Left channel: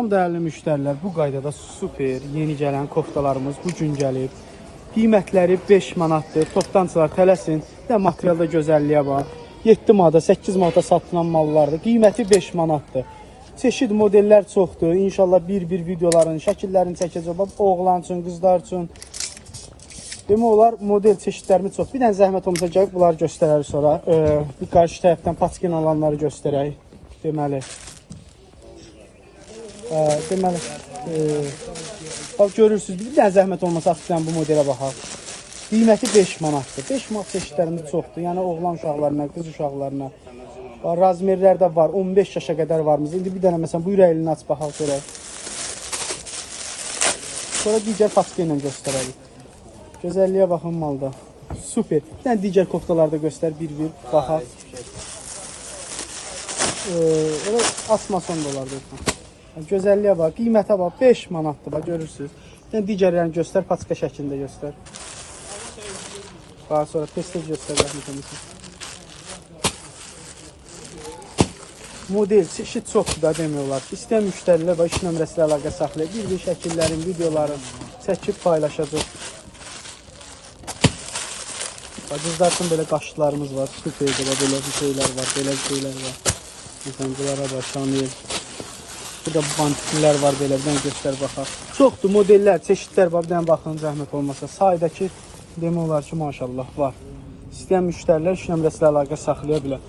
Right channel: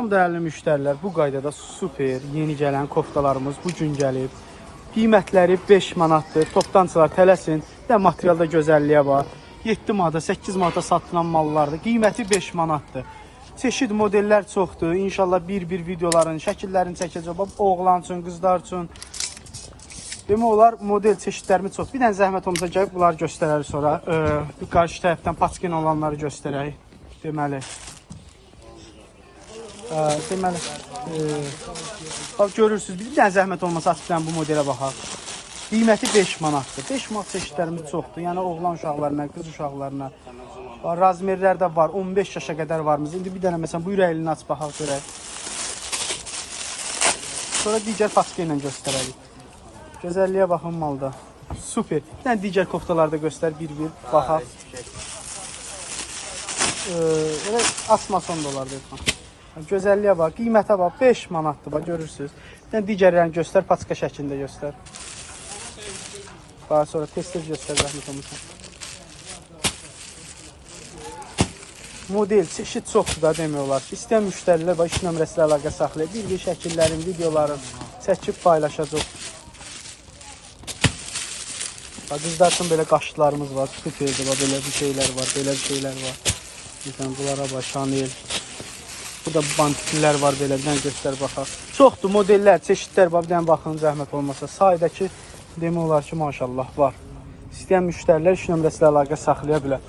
Salam dəyərli müştərilər, bu qaydada super yeni gələn koftalarımız bu gün gəlir. Qiymətləri 5 manatdır. Topdançılar tələsin və materialda gözəlliyə var. 7 manata, 8 manata satılan mallardır. Qiyməti 5 manatdır. Çeşid modellər çoxdur. İnşallah bir-bir videoların şəkillərini çəkəcəm. Oğlan üçün, qızlar üçün. Demək olar model çeşidlərimiz çox. Bir dənə zəhmət olmasa gəlib bunları göstərərik sonra. Bu qarşı tərəfdən paçkin olanları göstərək. Deməli, bax görürsünüz, bir dənə zəhmət olmasa açıqdan bu modelə baxaq. Qiyməti 5 manatdır. 5 manat çeşidlərimiz çoxdur. Yəni oğlan uşaqlarına, qız uşaqlarına. Razmerlər də var. 15 yaşa qədər varımız. İndi bir dənə məsələn bu ürəklini aç baxaq görək. Sonra digər paçki ilə göstərərik. Gözəlliyə baxın malda. Super. Bir dənə digər koftalarda göstər bir-bir baxaq. Evet, asmason dolar deyək. Gözəlliyə bax, qiymətə bax, 5 manatdır, bax, görürsünüz. Yəni, digərlərini göstər, paçka şəklində göstər. Daha sonra tez-tez göstər. Model, çeşid çoxdur da demək olar. İstəyən müştərilər bax, 2 nömrəsilə əlaqə saxlayır. Bir-bir şəkillərin, videoların çəkib paylaşacaq. Qızlar üçün belə qaşlarımız var, küçük şeydir, belə bir şeylər var, belə bir şeylər var. Bunlara var, Chanel. Burada bantiklər var, belə bir dənə göstər baxaq. Çoxdur, modellər, çeşidlər var, bir dənə baxın, zəhmət olmasa. Saydakı demək olar ki, maşallah var. İstəyən müştərilər 3 nömrəsilə əlaqə saxlaya bilər.